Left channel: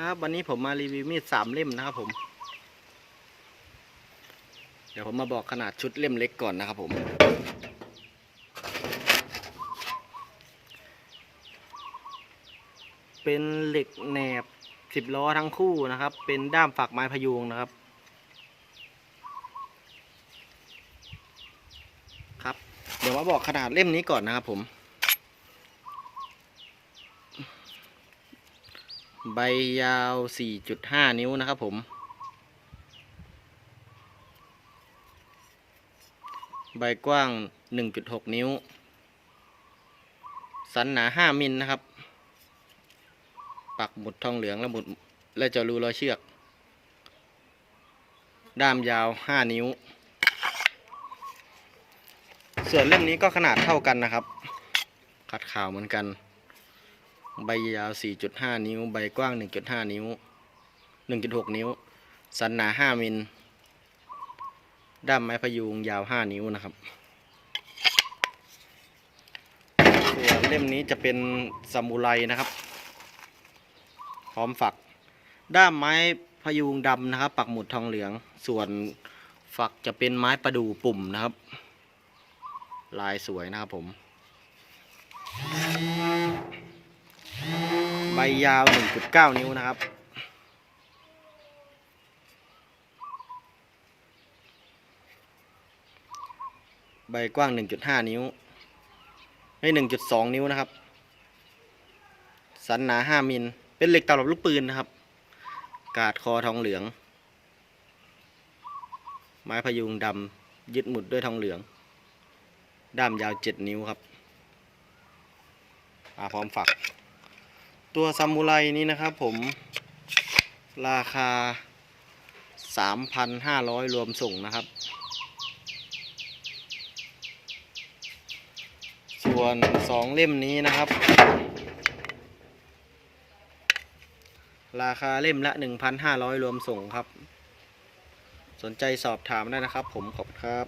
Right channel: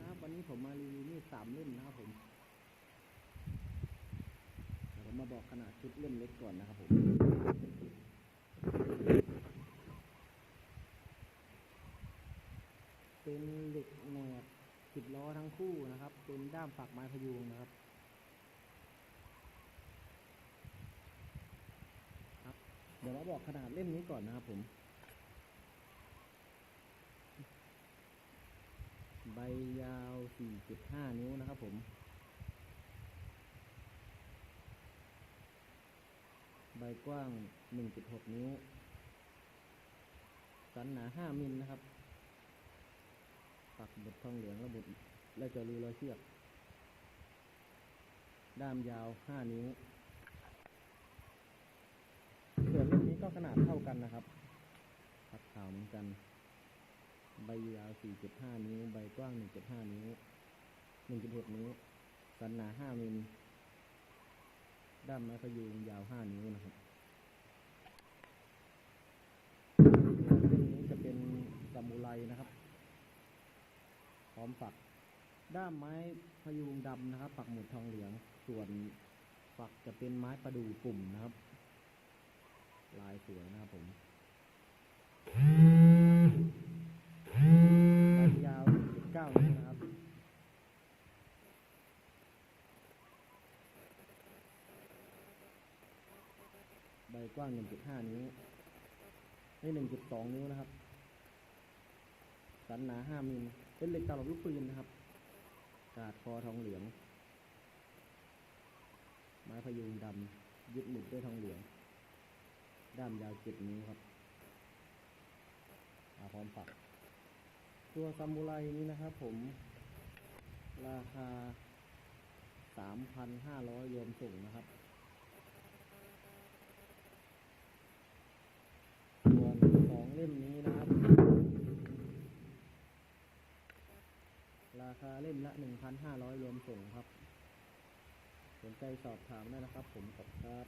ครับ วันนี้ผมมารีวิวมีดสามเล่มนะครับผม เดี๋ยวผมมาบอกขนาดชุดเล่มเล็กก่อนนะครับผม เป็นเหล็กแหนบสิบล้อทั้งคู่นะครับ เป็นด้ามฝักไม้พยุงนะครับ ครับ เดี๋ยวมาบอกขนาดเล่มนี้ก่อนนะครับผม ใบยาว 4.5 นิ้วนะครับผม ใบกว้าง 1.6 นิ้ว สันหนา 5 มิลนะครับ ปักหมุดทองเหลืองและหมุดและจารูรอยเชือก ด้ามยาว 5 นิ้ว ส่วนเล่มนี้ก็ขนาดเท่ากันนะครับ ขัดข่าวเหมือนกัน ใบยาว 4.5 นิ้ว ใบกว้าง 1.5 นิ้ว 1.6 นิ้ว สันหนา 5มิล ด้ามไม้พยุงยาว 5 นิ้วนะครับส่วนเล่มนี้จะเป็นซามูไรนะครับ พร้อมฝัก ด้ามไม้พยุงดำนะครับ ปักหมุดทองเหลือง ส่วนฝักจะเป็นไม้ประดู่ปุ่มนะครับ ลายสวยนะครับผม ใบยาว 1.9 นิ้วนะครับ ใบกว้าง 1.5 นิ้วไม่1.2 นิ้วนะครับ สันหนา 5 มิล เป็นเหล็กตลับลูกปืนนะครับ กาดคอทองเหลือง ไม้พยุงดำยึดหมุดด้วยทองเหลือง ด้ามยาว 7 นิ้วครับ อาพร้อมฝัก ตัวซามูไรนี้นะครับผมราคา 3,500 รวมส่งนะครับ ส่วนสองเล่มนี้นะครับ ราคาเล่มละ 1,500 รวมส่งครับ สนใจสอบถามได้นะครับผมขอบคุณครับ